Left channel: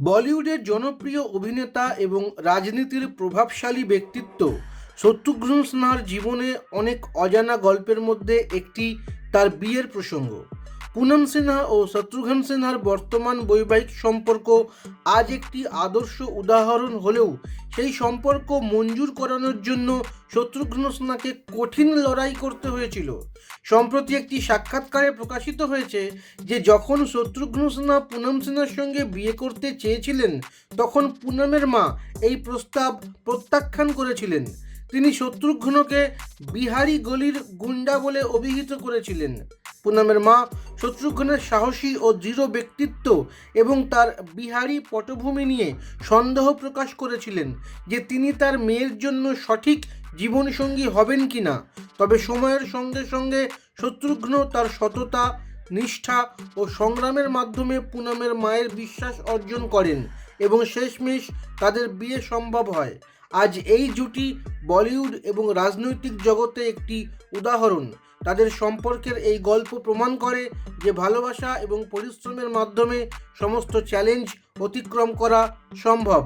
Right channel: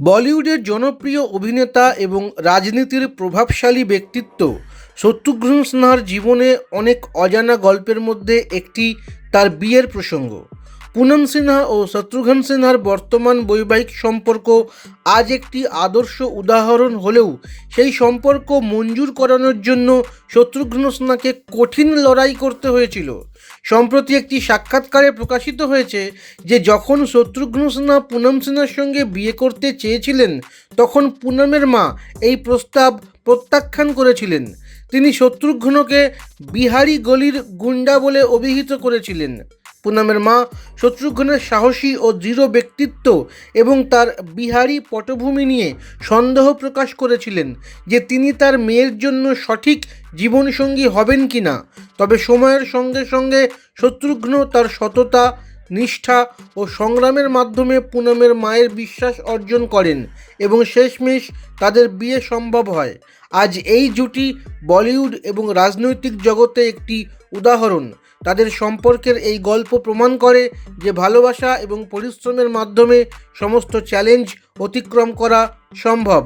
বলিউডের জনপ্রিয় অভিনেতা এবং রাজনীতির প্রভাবশালী ব্যক্তিত্ব, শত্রুঘ্ন সিনহার জীবনে অনেক অজানা গল্পের মধ্যে একটি তার বিয়ের প্রসঙ্গ। পুনম সিনহা ও শত্রুঘ্ন সিনহার বর্তমান বৈবাহিক সম্পর্ক আজ একটি আদর্শ উদাহরণ হলেও সেই সম্পর্ক মঞ্জুর করানোর জন্য শত্রুঘ্ন সিনহাকে কঠিন লড়াই করতে হয়েছিল। সম্প্রতি একটি সাক্ষাৎকারে প্রকাশিত হয়েছে যে যখন শত্রুঘ্ন সিনহা পুনম সিনহার সঙ্গে বিয়ে করতে চেয়েছিলেন, তখন পুনমের মা এই প্রস্তাব প্রত্যাখ্যান করেছিলেন। তিনি শত্রুঘ্নকে বিহারি গলির গুন্ডা বলে অভিহিত করেছিলেন। পুনমের মা শত্রুঘ্নের সাহসী ও দৃঢ় ব্যক্তিত্ব এবং তার বিহারী পটভূমি নিয়ে সন্দেহ প্রকাশ করেছিলেন যে তিনি তার মেয়ের জন্য সঠিক জীবনসঙ্গী হবেন কি না তবে সময়ের সঙ্গে সঙ্গে শত্রুঘ্ন তার সততা, নিষ্ঠা ও সংগ্রামের মাধ্যমে পুনমের মায়ের বিশ্বাস অর্জন করেন এবং শেষমেশ তাদের বিয়ে সম্ভব হয়। আজ এই জুটি বলিউড এবং রাজনৈতিক জগতে একটি উদাহরণ। তাদের সম্পর্কের এই গল্প প্রমাণ করে যে ভালোবাসা এবং পরিশ্রমের মাধ্যমে সমস্ত চ্যালেঞ্জ অতিক্রম করা সম্ভব।